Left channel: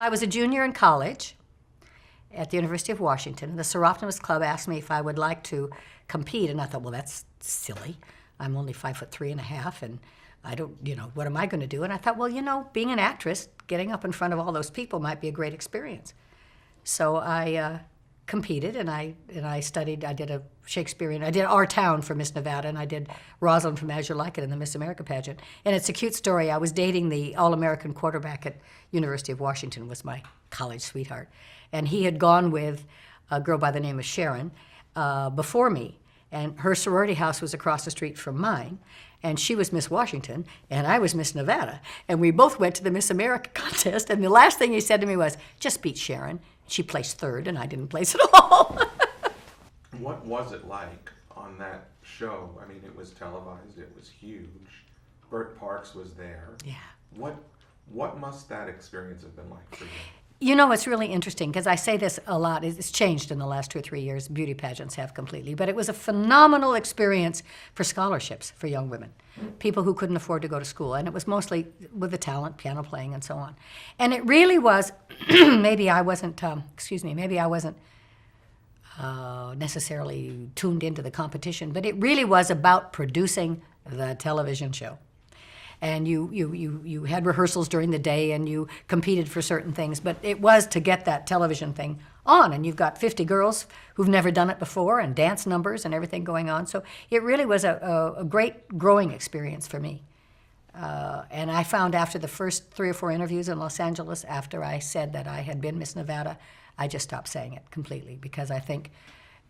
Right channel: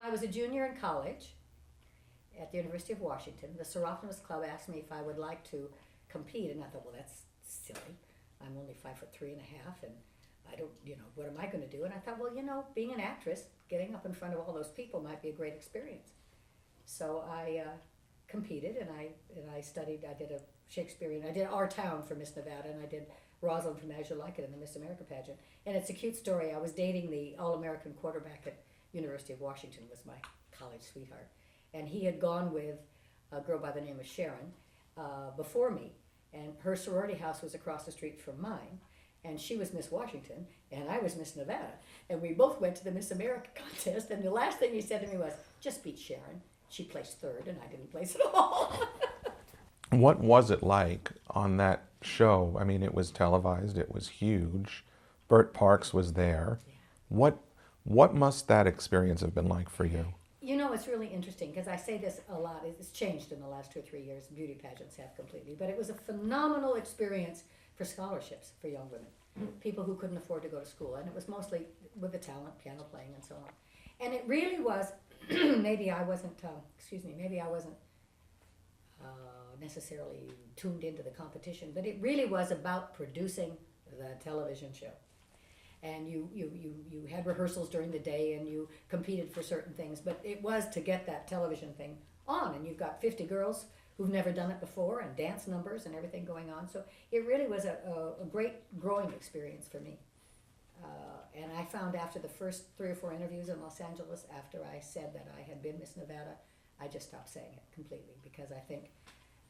I was a junior in college at the University of Washington, and the Seroptimus Club asked me if I would like to compete, and I thought, well, that's silly. I'm only 5'3.5", and I don't, what am I going to do? And I thought, well, being an actress, getting up in front of all those people might be a great experience. So I competed, and I studied. I did a Shakespearean. I did Our Town for Miss Nevada, and I did Rosalind from As You Like It in the Miss America pageant. And it's a cute story. I was dating the All-American quarterback at University of Washington, was my college sweetheart, and he had gone with a girl by the name of Sharon before me, and her sorority house was across the street from mine. And she was Miss Washington, and I was Miss Nevada. And we both went to the Miss America contest, and the last thing he said to me was, just beat Sharon. She placed third, and I didn't place at all. What was it like on that show? I mean, it was televised, it was huge. Bert Parks was there. Yeah. What must that experience have been like for you? It's really interesting, because I say this a lot. It's changed in the last 2 or 3 years. Beauty pageants have completely. But it was a phenomenal experience for scholarships for young women, people who couldn't afford to go to school. And it was mostly with the talent, piano playing, and so on. And it really was, maybe I wasn't necessarily tuned into the competition, but it really was about producing the television show. And you had rehearsals during the day, and you competed for certain things, but it was to get that television thing on. And you've got 50 girls who've never done it before, and dance numbers and everything going on. So it really was a great growing experience for me. And I found after the first 3 or 4 interviews in Los Angeles, after I said that I had been Miss Nevada, I just stopped saying it completely, because I think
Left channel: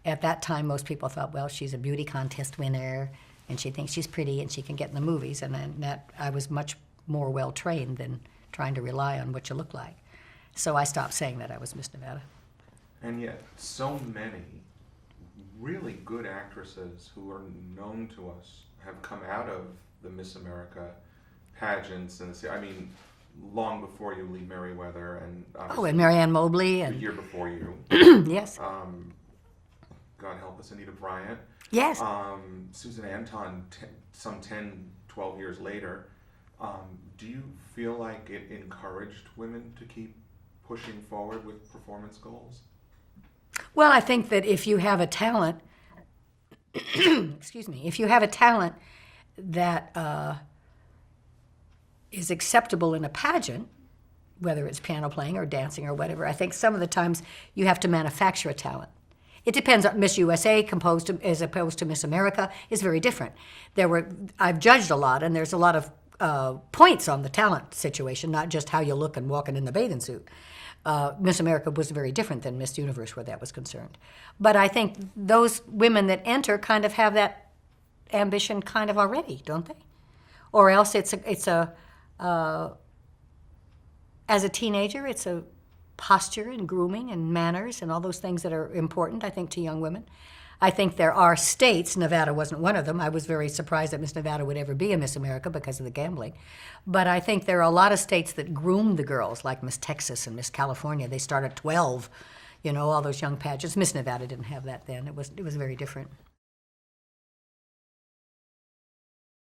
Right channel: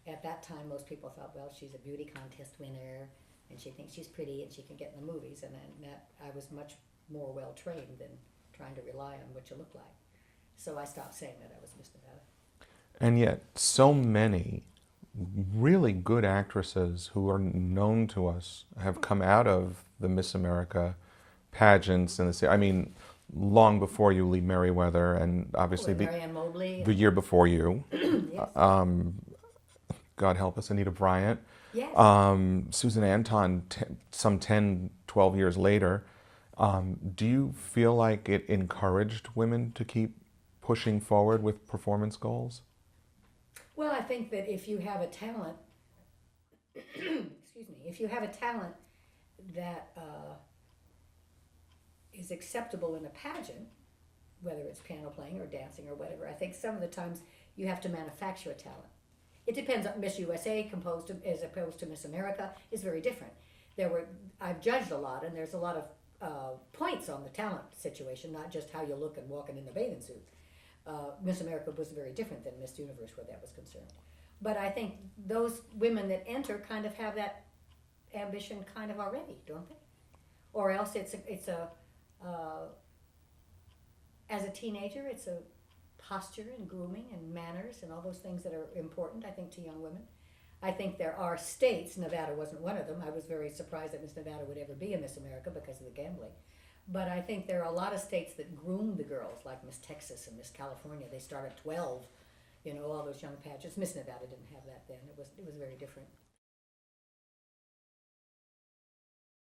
at that time most people thought, well, she's a beauty contest winner, and she thinks she's pretty and she can get in the movies, and then that I was much more well-trained than trying to rely on what you look like. So I stopped saying that I was Miss Nevada. And yet so many really good actresses who are known to us have come out of the Miss America pageants, and long before you, Lee Merriweather, and obviously and Marianne Mobley. The year before you. Yes. God help us, Anita Bryant. Yes. Susan Anton, some 10, 12 years later. Do you feel like it encouraged women to keep pushing forward with performance goals? Well, I think that if you have a talent, excuse me, if you have a talent that is acceptable in a pageant, whether it's piano playing or dancing or whatever, I think some of the times you have to manufacture a talent. It depends on Miss USA as opposed to Miss America is very different. I've judged a lot, and there's a lot of points on the talent situation, not just how you look and walking in the bathing suit. Miss America was very different than Miss Universe where that was concerned. But I think those women that enter kind of have that ambition kind of already, don't they? Or else as a teenager, it's a posture and grooming and manners and all those things that are important, I think, to young women. I think there are states, Nevada wasn't one of them. I was very surprised that Miss Nevada would ever be a Miss America because of the gambling. But I think there are a lot of states that groom the girls, like Miss Texas and Miss California. They start at 12, all those young pageants. Miss Nevada didn't have that then. It was very different.